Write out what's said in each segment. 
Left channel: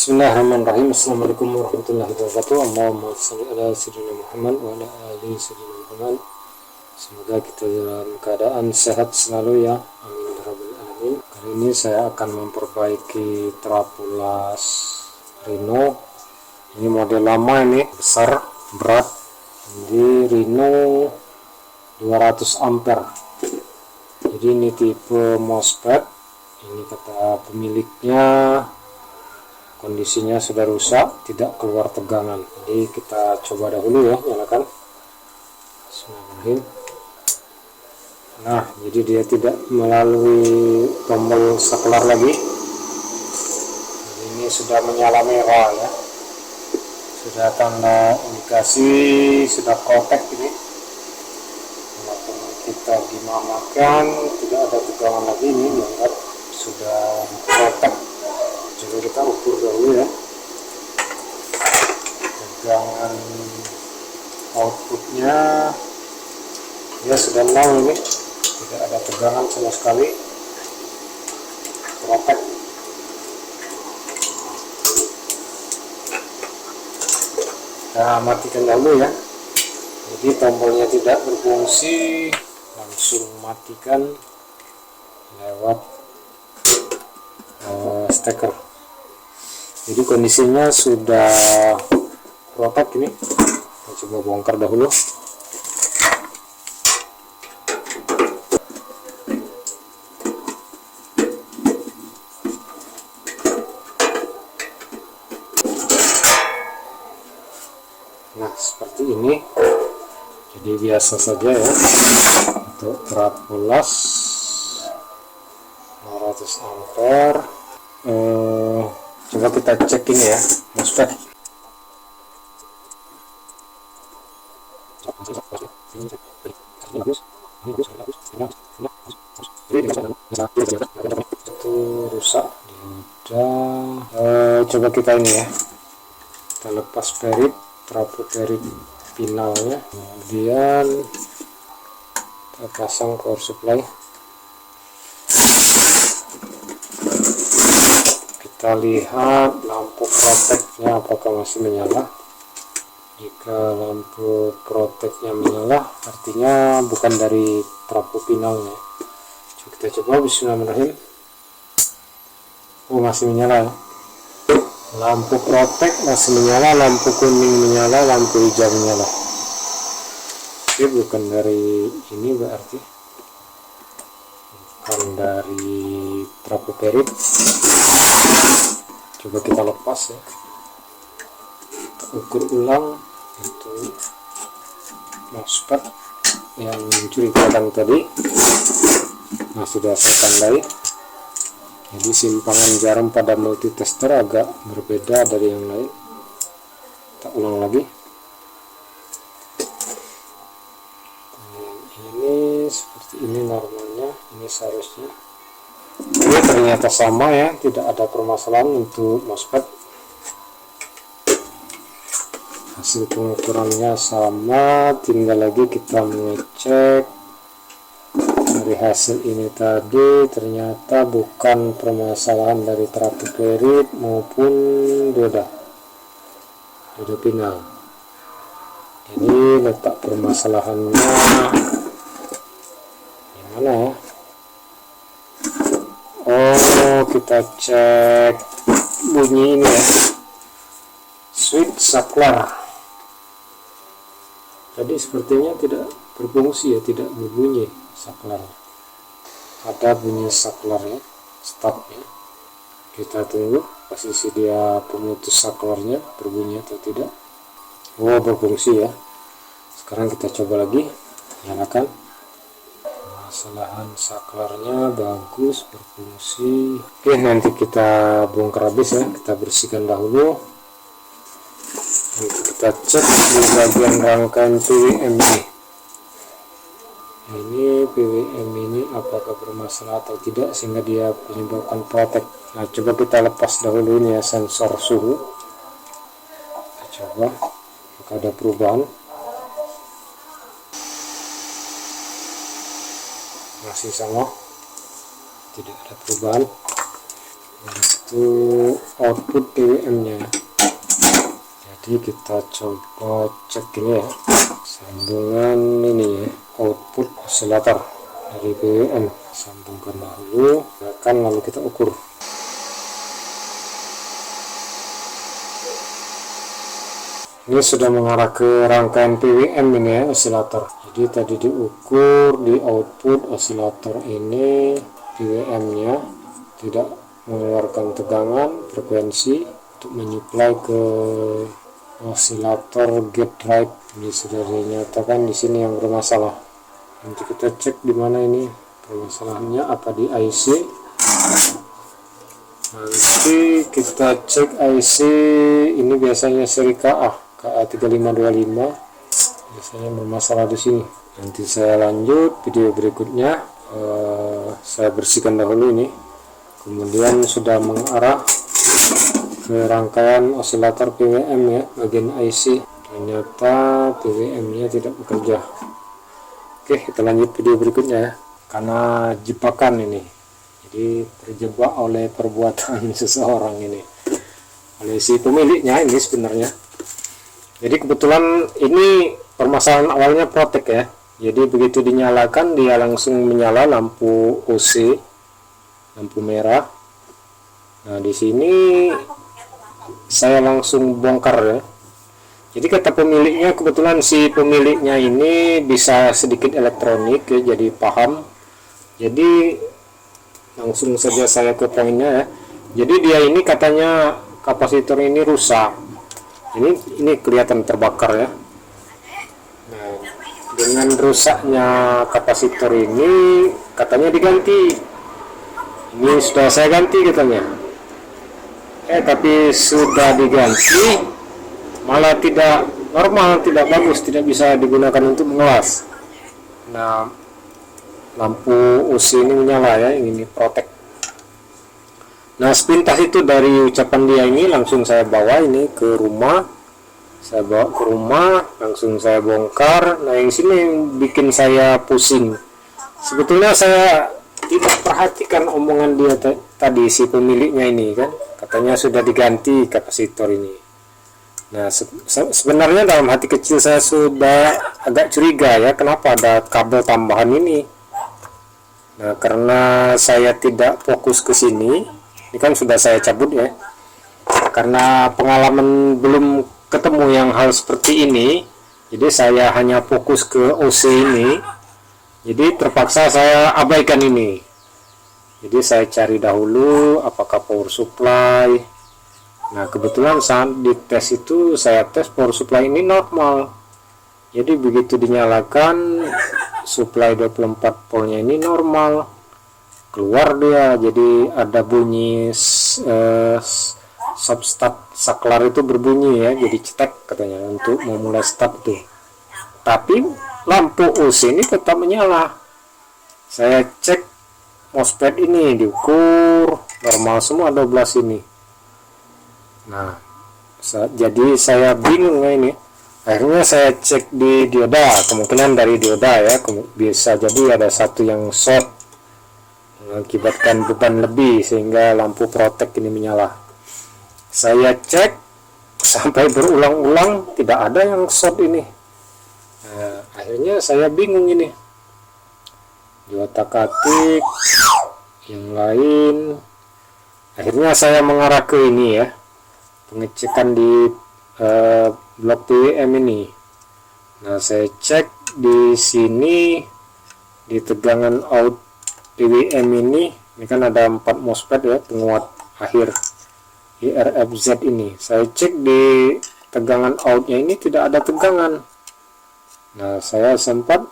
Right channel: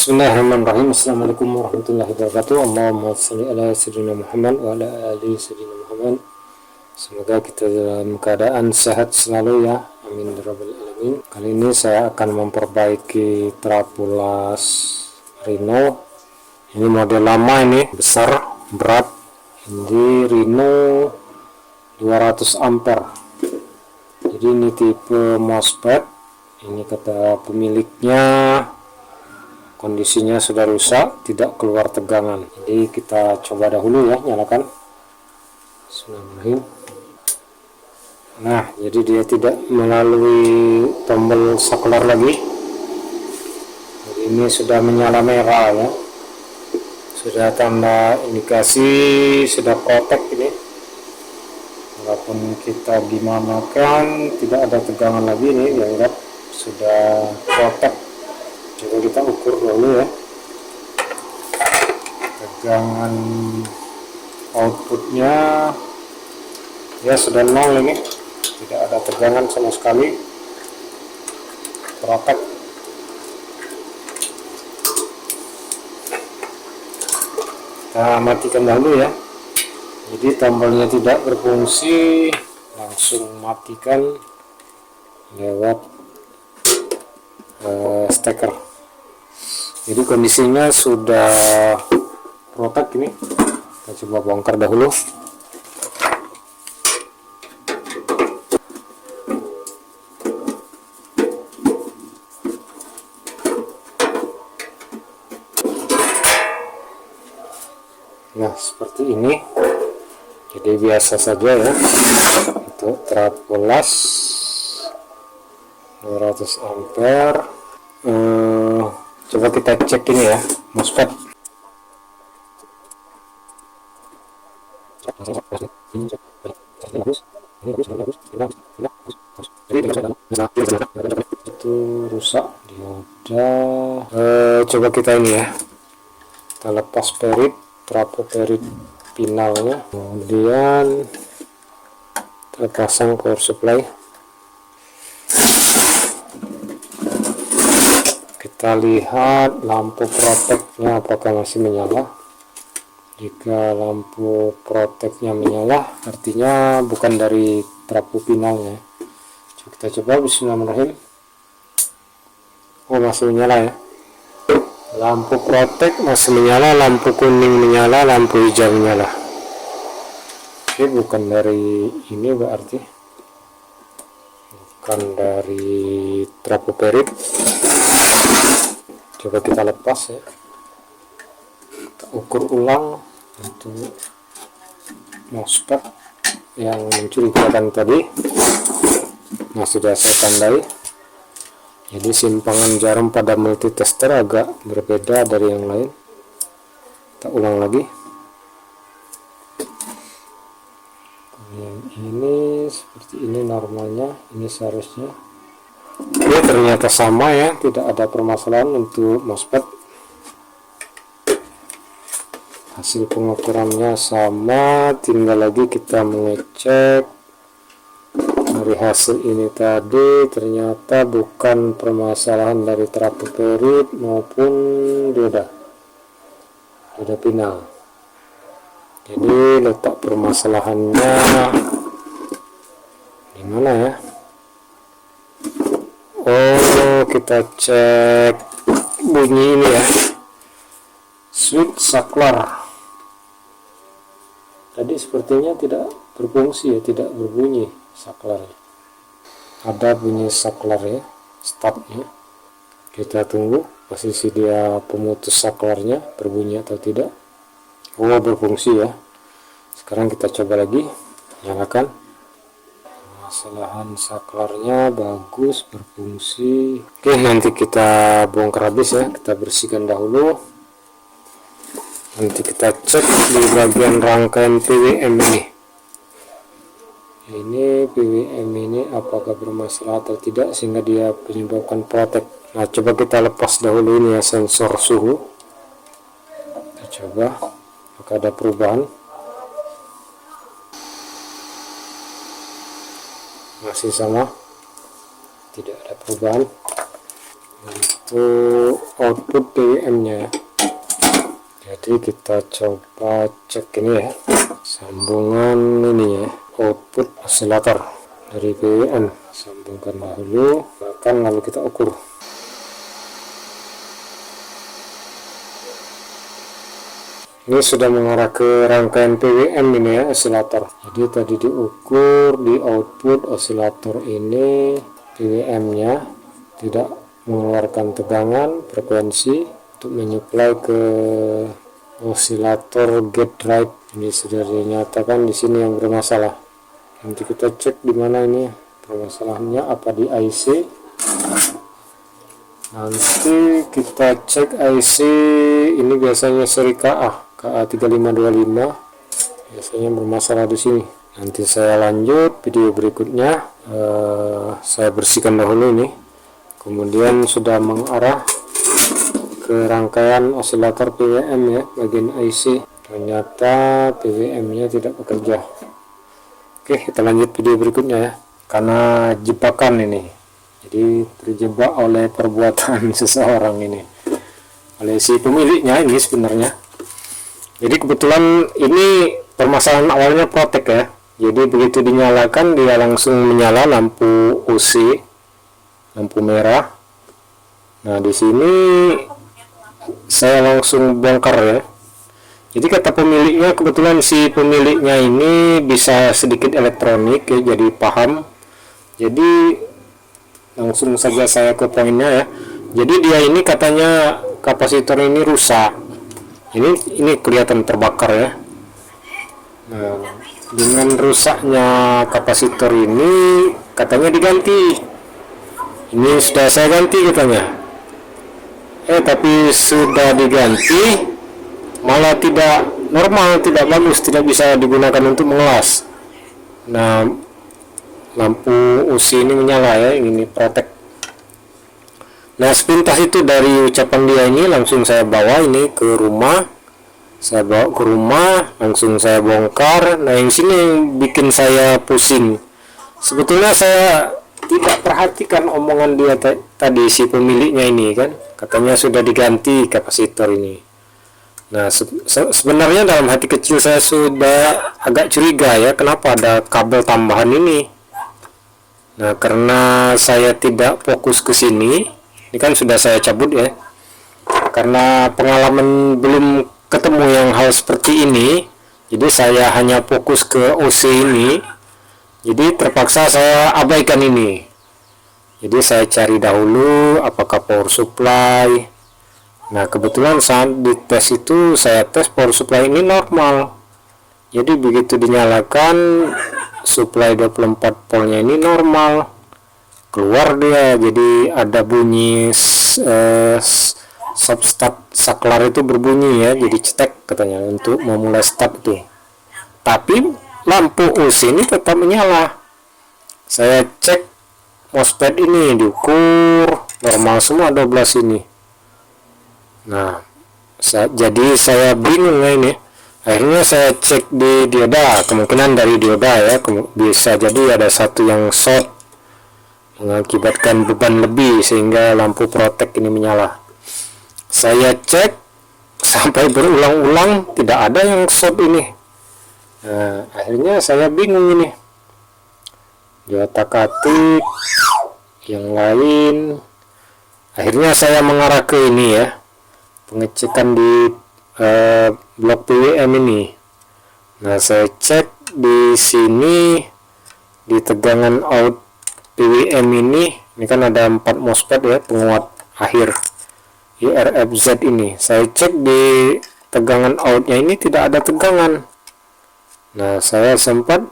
Bismillahirrahmanirrahim. Assalamualaikum warahmatullahi wabarakatuh. Allahumma shalli ala sayyidina Muhammad wa ala ali sayyidina Muhammad. Semoga kita dalam keadaan sehat selalu ya. Amin ya rabbal alamin. Kali ini saya akan memperbaiki trapulas Rhino. Ini model lama, ini besar, berat. Ini Rhino 200 ampere. Jadi ini tipe MOSFET. Ini kata pemiliknya, kondisinya sudah rusak, tidak keluar tegangan. Jadi kita coba dahulu ya, nyalakan. Bismillahirrahmanirrahim. Nah, jadi dia tidak melalui tombol saklar lagi. Jadi ini sudah menyala merah ya. Sudah tanda indikasi sudah protek ini. Walaupun kita dimamakan, tidak ada tegangan lagi, ini dianggap sudah protek. Coba kita ukur dulu ya, tegangan outputnya ya sudah 0 ini, tidak ada tegangan sama sekali, protek. Kita matikan dulu ya, jadi tombolnya tidak berfungsi, langsung matikan lewat steker. Jadi kondisinya sudah protek ini. Kita coba bongkar dahulu. Nah, seperti ini. Jadi biasa saja ya untuk trapulas 200 ampere. Coba kita cek ini ya, MOSFET. Itu rusak dioda. Coba kita ini ya, kita lepas perit, trapo perit finalnya, kemudian kita pasang power supply. Kita lihat lampu proteknya apakah masih menyala. Jika lampu proteknya menyala, artinya bukan dari trapo finalnya. Kita coba, bismillahirrahmanirrahim. Oh, masih menyala ya. Lampu protek masih menyala, lampu kuning menyala, lampu hijau menyala. Oke, bukan dari ini berarti. Bukan dari trapo perit. Coba kita lepas ya, kita ukur ulang untuk MOSFET yang mencurigakan tadi. Nah, sudah saya tandai. Jadi simpangan jarum pada multitester agak berbeda dari yang lain. Kita ulang lagi. Ini seperti ini normalnya, ini seharusnya. Ini ternyata sama ya, tidak ada permasalahan untuk MOSFET. Hasil pengukurannya sama, tinggal lagi kita mengecek. Dari hasil ini tadi ternyata bukan permasalahan dari trapo perit maupun dioda final. Jadi letak permasalahannya gimana ya? Oh, kita cek bunyi ini ya, switch saklar tadi sepertinya tidak berfungsi ya, tidak berbunyi saklar. Ada bunyi saklar ya, stop ya. Kita tunggu posisi dia pemutus saklarnya berbunyi atau tidak. Oh, berfungsi ya. Sekarang kita coba lagi, nyalakan. Permasalahan saklarnya bagus, berfungsi. Oke, nanti kita bongkar habis ya, kita bersihkan dahulu. Nanti kita cek di bagian rangkaian PWM ini. Ini PWM ini apakah bermasalah atau tidak sehingga dia menyebabkan protek. Nah, coba kita lepas dahulu ini ya, sensor suhu. Kita coba apakah ada perubahan. Masih sama, tidak ada perubahan. untuk output PWM nya. Jadi kita coba cek ini ya, sambungan ini ya, output osilator dari PWM. Sambungkan dahulu, lalu kita ukur. Ini sudah mengarah ke rangkaian PWM ini ya, osilator. Jadi tadi diukur di output osilator ini PWM nya tidak mengeluarkan tegangan frekuensi untuk menyuplai ke osilator gate drive. Ini sudah dinyatakan di sini yang bermasalah. Nanti kita cek di mana ini permasalahannya, apa di IC. Nanti kita cek IC ini, biasanya seri KA3525 biasanya bermasalah di sini. Nanti saya lanjut video berikutnya. Saya bersihkan dahulu ini, kemudian sudah mengarah ke rangkaian osilator PWM ya, bagian IC. Ternyata PWM nya tidak bekerja. Oke, kita lanjut video berikutnya ya. Karena jebakan ini, jadi terjebak oleh perbuatan seseorang ini, oleh si pemiliknya ini sebenarnya. Jadi kebetulan ini permasalahan awalnya protek ya. Jadi begitu dinyalakan dia langsung menyala lampu OC, lampu merah. Nah di sini saya langsung bongkar ya. Jadi kata pemiliknya, kebetulan si pemiliknya ini bisa sedikit elektronik ya, jadi paham. Jadi langsung saja saya ke poinnya ya. Jadi dia ini katanya kapasitor ini rusak. Ini kelihatan terbakar ya. Nah, dengan rusaknya kapasitor ini katanya diganti. Ini sudah saya ganti katanya. Tapi sudah diganti malah tidak normal, tidak bagus, tidak bisa digunakan untuk mengelas. Nah, lampu UC ini menyala ya, ini protek. Nah, sepintas itu dari ucapan dia ini langsung saya bawa ini ke rumah. Saya bawa ke rumah, langsung saya bongkar. Nah, yang sini yang bikin saya pusing. Sebetulnya saya tidak perhatikan omongan dia tadi, si pemiliknya ini kan, katanya sudah diganti kapasitor ini. Nah, sebenarnya dalam hati kecil saya sudah agak curiga ya, kenapa ada kabel tambahan ini. Nah, karena saya tidak fokus ke sini, ini kan sudah saya cabut ya. Karena pengalaman belum ketemu yang hal seperti ini, jadi saya hanya fokus ke OC ini. Jadi terpaksa saya abaikan ini. Jadi saya cari dahulu apakah power supply. Nah, kebetulan saat di tes itu saya tes power supply ini normal. Jadi begitu dinyalakan supply 24 voltnya ini normal. Keluar dia, jadi ada bunyi substart saklar itu berbunyi ya, jadi cetek katanya untuk memulai start itu. Tapi lampu UC ini tetap menyala. Saya cek MOSFET ini diukur normal semua 12 ini. Nah, jadi saya bingung ya ini. Akhirnya saya cek di dioda, kemungkinan dari dioda ya, bisa jadi ada satu yang short mengakibatkan beban lebih sehingga lampu protek ini menyala. Saya cek sampai berulang-ulang tidak ada yang short ini. Nah, akhirnya saya bingung ini. Diotak-atik yang lain. Akhirnya saya mengarah ke ini ya, pengecekan di blok PWM ini. Nah, saya cek di sini di tegangan out PWM ini kan ada 4 MOSFET ya, penguat akhir IRFZ ini. Saya cek di tegangan outnya ini tidak ada tegangan. Nah, saya sempat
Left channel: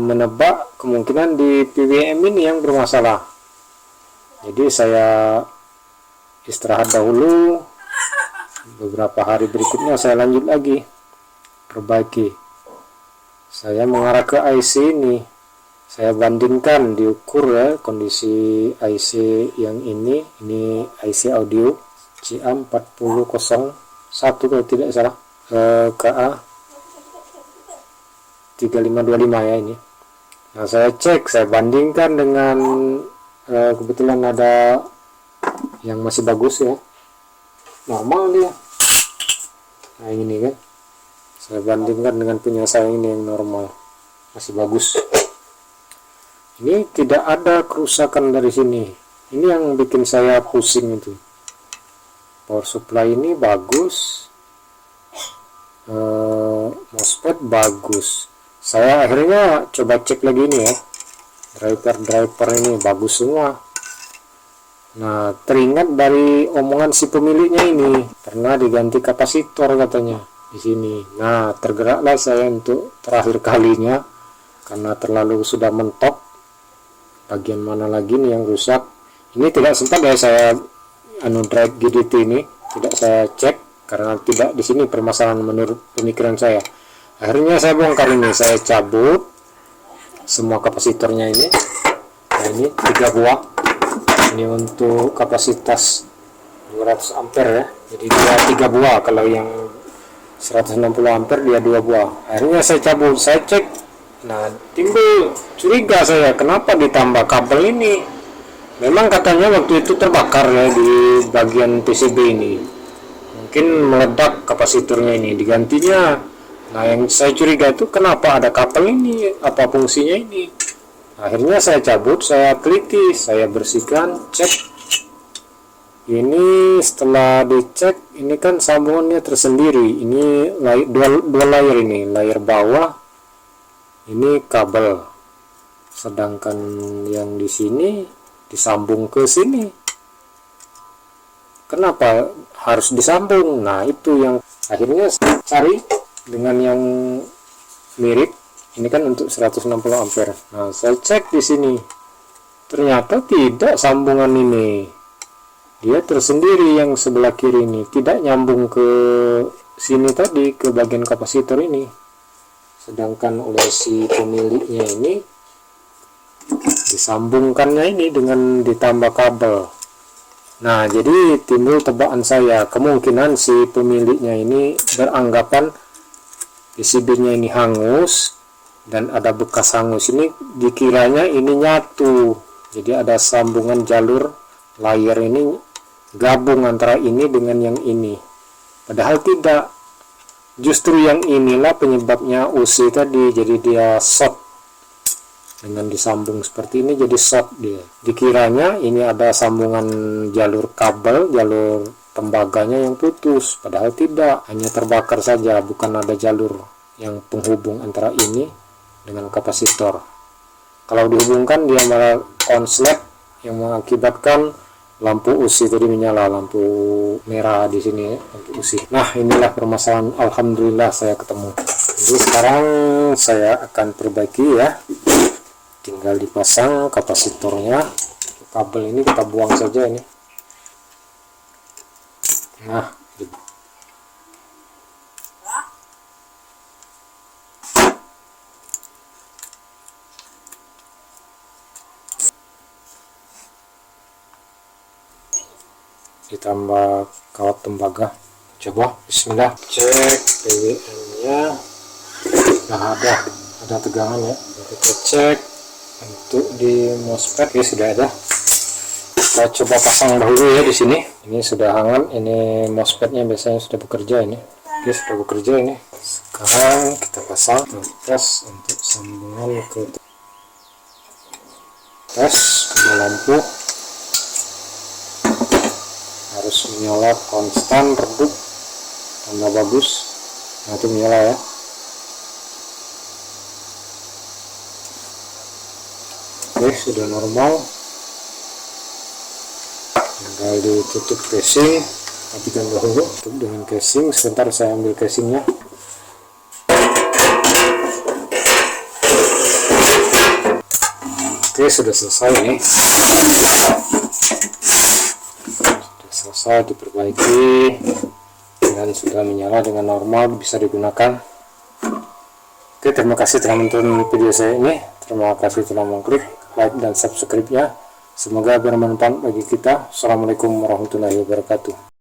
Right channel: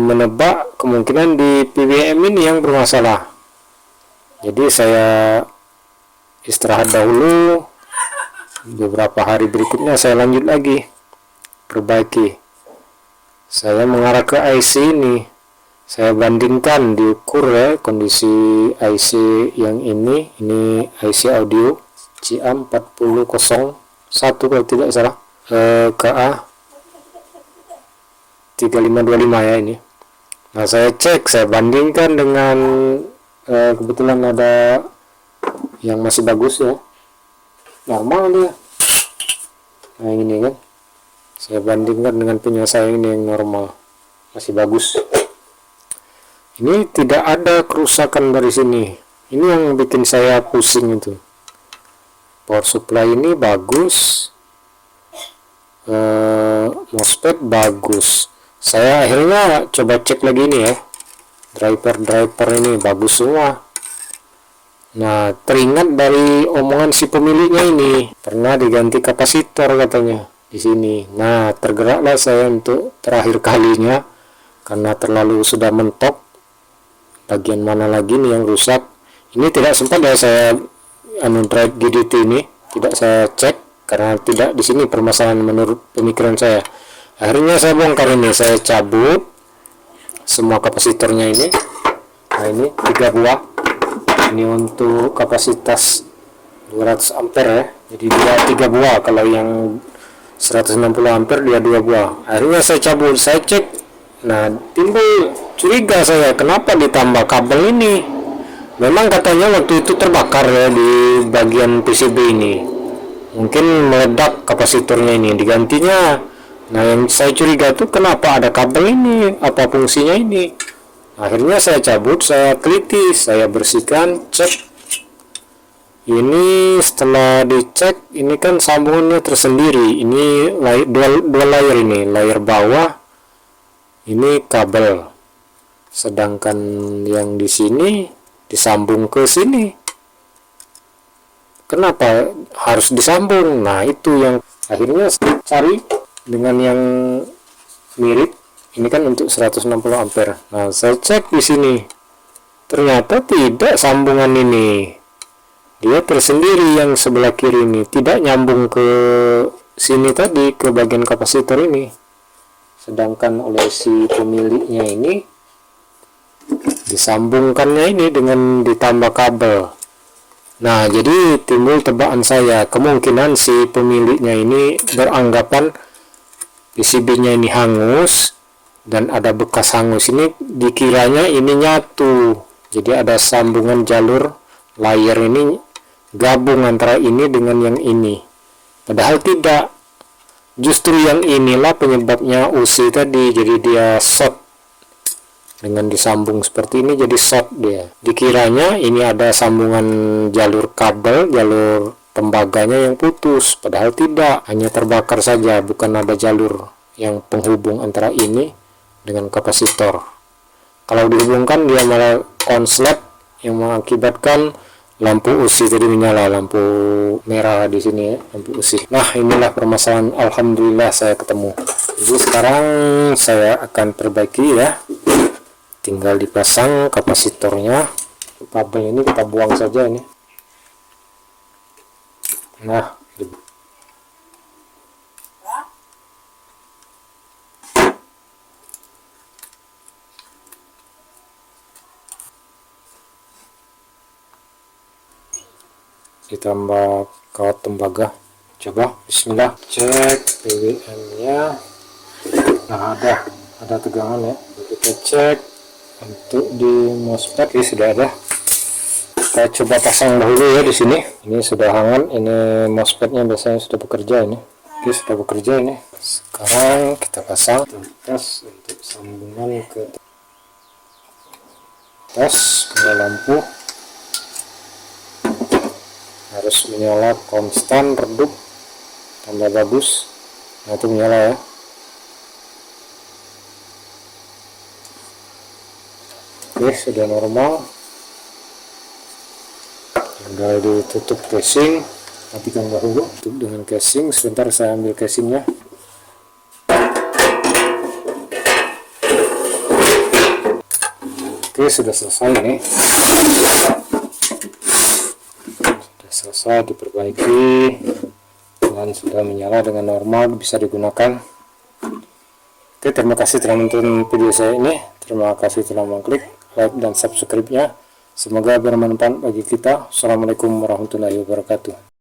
menebak kemungkinan di PWM ini yang bermasalah. Jadi saya istirahat dahulu. Beberapa hari berikutnya saya lanjut lagi perbaiki. Saya mengarah ke IC ini, saya bandingkan, diukur ya kondisi IC yang ini IC audio CA4001 kalau tidak salah, KA 3525 ya ini. Nah, saya cek, saya bandingkan dengan kebetulan ada yang masih bagus ya, normal dia. Nah ini kan saya bandingkan dengan punya saya ini yang normal, masih bagus. Ini tidak ada kerusakan dari sini. Ini yang bikin saya pusing itu. Power supply ini bagus, MOSFET bagus. Saya akhirnya coba cek lagi ini ya, driver ini bagus semua. Nah, teringat dari omongan si pemiliknya ini, pernah diganti kapasitor katanya di sini. Nah, tergeraklah saya untuk terakhir kalinya karena terlalu sudah mentok. Bagian mana lagi nih yang rusak? Ini tidak sempat ya saya drive GDT ini, tidak saya cek karena tidak di sini permasalahan menurut pemikiran saya. Akhirnya saya bongkar ini, saya cabut semua kapasitornya ini. Nah, ini 3 buah. Ini untuk kapasitas 200 ampere ya. Jadi dia 3 buah, kalau yang 160 ampere dia 2 buah. Akhirnya saya cabut, saya cek. Nah, timbul curiga saya, kenapa ditambah kabel ini? Memang katanya waktu itu terbakar ya di bagian PCB ini. Mungkin meledak kapasitornya ini, digantinya. Nah, yang saya curiga itu kenapa ada kabel ini, apa fungsinya ini. Akhirnya saya cabut, saya teliti, saya bersihkan, cek. Ini setelah dicek, ini kan sambungannya tersendiri. Ini dua layer ini, layer bawah, ini kabel. Sedangkan yang di sini disambung ke sini. Kenapa harus disambung? Nah, itu yang akhirnya saya cari dengan yang mirip. Ini kan untuk 160 ampere. Nah, saya cek di sini. Ternyata tidak sambungan ini. Dia tersendiri yang sebelah kiri ini, tidak nyambung ke sini tadi, ke bagian kapasitor ini. Sedangkan oleh si pemiliknya ini disambungkannya ini dengan ditambah kabel. Nah, jadi timbul tebakan saya, kemungkinan si pemiliknya ini beranggapan PCB-nya ini hangus dan ada bekas hangus ini, dikiranya ini nyatu. Jadi ada sambungan jalur layer ini gabung antara ini dengan yang ini. Padahal tidak. Justru yang inilah penyebabnya UC tadi, jadi dia short. Dengan disambung seperti ini jadi short dia. Dikiranya ini ada sambungan jalur kabel, jalur tembaganya yang putus, padahal tidak, hanya terbakar saja, bukan ada jalur yang penghubung antara ini dengan kapasitor. Kalau dihubungkan dia malah konslet yang mengakibatkan lampu UC tadi menyala, lampu merah di sini ya, lampu UC. Nah, inilah permasalahan. Alhamdulillah saya ketemu. Jadi sekarang saya akan perbaiki ya. Tinggal dipasang kapasitornya. Kabel ini kita buang saja ini. Nah, ditambah kawat tembaga. Coba bismillah, cek PWM nya. Nah, ada tegangan ya. Kita cek untuk di MOSFET. Oke, sudah ada. Kita coba pasang dahulu ya di sini. Ini sudah hangat. Ini MOSFET nya biasanya sudah bekerja ini. Oke, sudah bekerja ini. Sekarang kita pasang tes untuk sambungan ke tes ke lampu. Harus menyala konstan, redup, tanda bagus. Nah, itu menyala ya. Oke, sudah normal. Tinggal ditutup casing, matikan dahulu. Tutup dengan casing. Sebentar saya ambil casingnya. Oke, sudah selesai ini. Selesai diperbaiki dan sudah menyala dengan normal, bisa digunakan. Oke, terima kasih telah menonton video saya ini. Terima kasih telah mengklik like dan subscribe-nya. Semoga bermanfaat bagi kita. Assalamualaikum warahmatullahi wabarakatuh.